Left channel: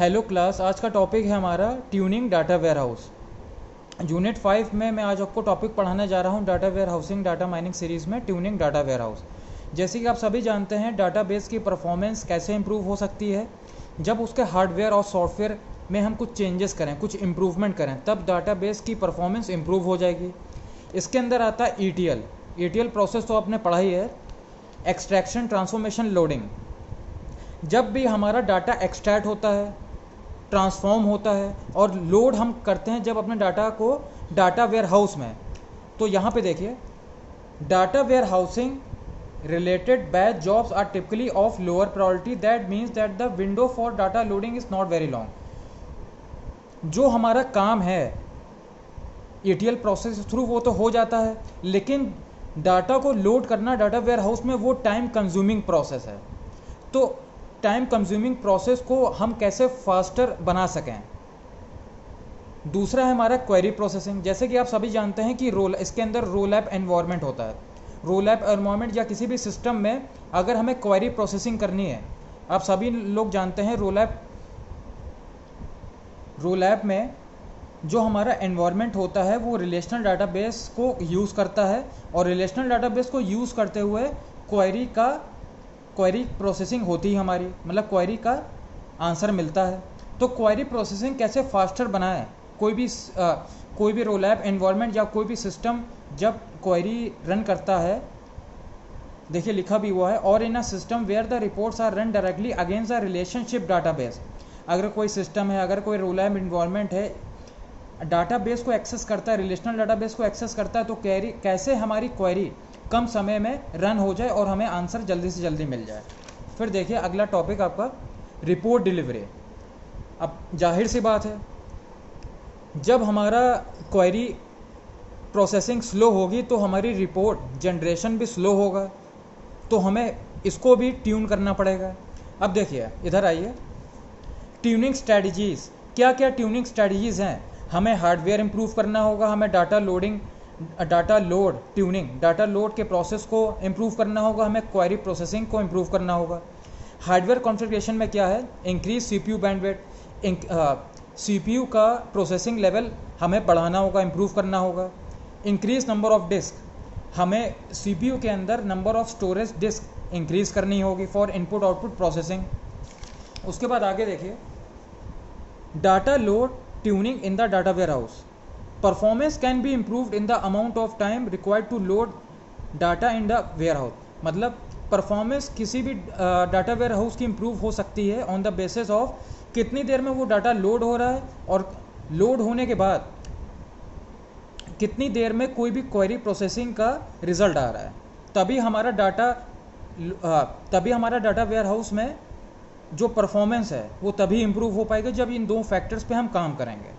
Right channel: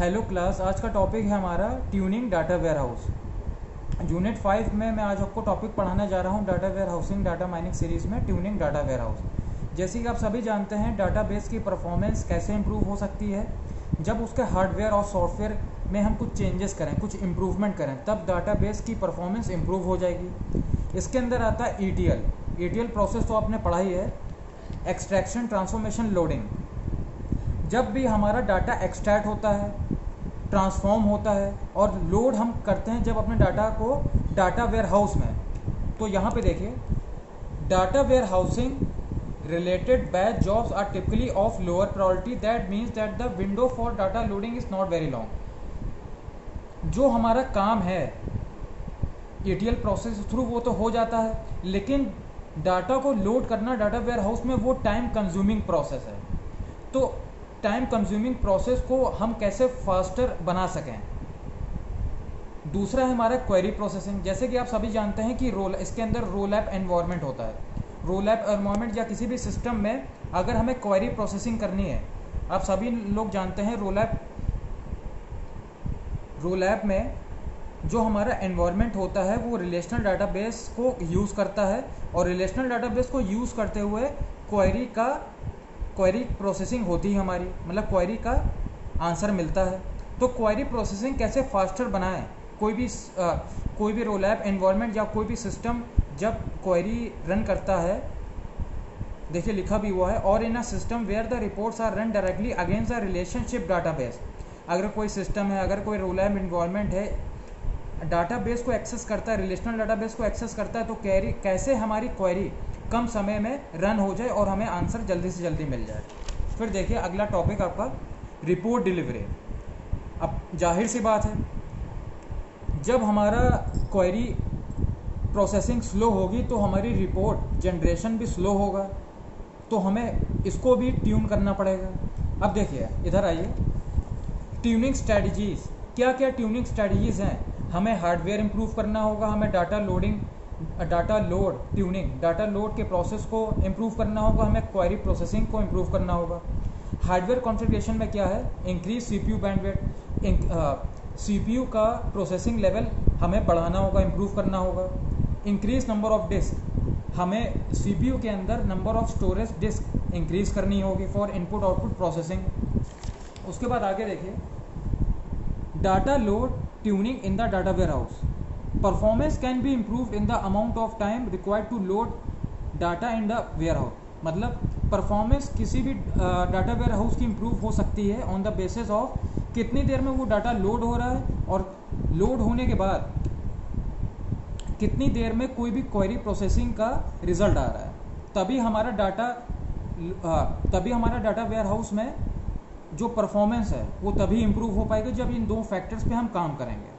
Hello class, आज का topic है हमारा tuning data warehouse. Unit 5 में मैं आज आपको टॉपिक पढ़ाने जा रहा हूँ data warehousing data mining series में ट्यूनिंग डाटा वेयर हाउस। जैसे कि आप सभी जानते हैं, डाटाबेस की परफॉर्मेंस कैसे इंप्रूव हो सकती है। जब उसके हार्डवेयर और सॉफ्टवेयर में हम कुछ चेंजेस करें, कुछ इम्प्रूवमेंट करें, तब डाटाबेस की परफॉर्मेंस इंप्रूव हो जाएगी। इसके अंदर आता है ईटीएल प्रोसेस, तो आपने पढ़ा ही है, एक्सट्रैक्शन, ट्रांसफॉर्मेशन, लोडिंग। जब भी हमारा डाटा एक्सट्रैक्ट होता है, ट्रांसफॉर्म होता है और लोड हम करते हैं जब अपने डाटा को डाटा वेयर हाउस में, तो यहाँ पे देखिए, data warehousing related batch jobs are typically of lower priority. That means that the window for data loading is not very long. जो हमारा काम है ETL प्रोसेस थ्रू वो तो हो जाता है, लेकिन डाटा को लोड करना डाटा वेयर हाउस में वो टाइम कंज्यूमिंग प्रोसेस है। तो टाइम कंज्यूमिंग प्रोसेस को हम कैसे फास्टर बना सकें। दूसरा है हमारा क्वेरी प्रोसेसिंग। जैसे कि आप सभी जानते हैं कि इसके अंदर रोल ऐप एनवायरनमेंट होता है। रोल ऐप एनवायरनमेंट या किसी भी सिस्टम में अगर हमें क्वेरी प्रोसेसिंग करनी है, आप सभी लोग जानते हैं रोल ऐप में जो हमारा एनवायरनमेंट होता है वो रिलेशनल डाटाबेस को यूज़ करता है, और रिलेशनल डाटाबेस को यूज़ करते हुए क्वेरी प्रोसेसिंग होती है हमारी, मतलब क्वेरी का आंसर मिलता है। तो क्वेरी प्रोसेसिंग कैसे फास्टर बनाएं। कोई भी रोल ऐप एनवायरनमेंट या कोई भी सिस्टम जब क्वेरी रन करता है, देखिए लिखा भी हुआ है, और in a system where the reports are run directly against the relationship database. अगर कोई सिस्टम है, अगर कोई रोल ऐप एनवायरनमेंट है, डाटाबेस को एक्सेस करता है, रिलेशनल डाटाबेस को एक्सेस करता है, तो कैसे हमारी क्वेरी कम समय में रन हो जाए और हमें आंसर जल्दी से जल्दी मिल जाए। फिर देखिए अगला टॉपिक आपका रिपोर्ट डिलीवरी। अब जाहिर सी बात है, जब हमारा क्वेरी प्रोसेसिंग स्लो होगी तो हमारी रिपोर्ट जनरेशन भी स्लो होगा, तो हमें इसको भी ट्यून करना पड़ेगा। अब देखिए इधर आइए, ट्यूनिंग स्ट्रैटेजीज़। क्या क्या ट्यूनिंग स्ट्रैटेजीज़ हैं। हमें हार्डवेयर इंप्रूव करना होगा, हमें डाटा लोड के प्रोसेस को इंप्रूव करना होगा, हमें क्वेरी प्रोसेसिंग को इंप्रूव करना होगा। हार्डवेयर कॉन्फ़िगरेशन में क्या है, इंक्रीज सीपीयू बैंडविड्थ, सीपीयू का प्रोसेसिंग लेवल हमें बढ़ाना होगा, इंप्रूव करना होगा। इंक्रीज नंबर ऑफ डिस्क, हमें सीपीयू के अंदर number of storage disk increase करनी होगी फॉर इनपुट आउटपुट प्रोसेसिंग। उसके बाद आगे देखिए, data load tuning in the data warehouse. Performance can be improved in the amount of time required to load data in the warehouse. मतलब performance किसी भी data warehouse की improve हो सकती है ऑन द बेसिस ऑफ कितनी देर में वो डाटा लोड हो रहा है, और लोड होने के बाद कितनी देर में कोई भी क्वेरी प्रोसेसिंग का रिजल्ट आ रहा है। तभी हमारा डाटा वेयर हाउस में जो परफॉर्मेंस है वो तभी इम्प्रूव हो पाएगा जब इन दो फैक्टर्स पे हम काम करेंगे।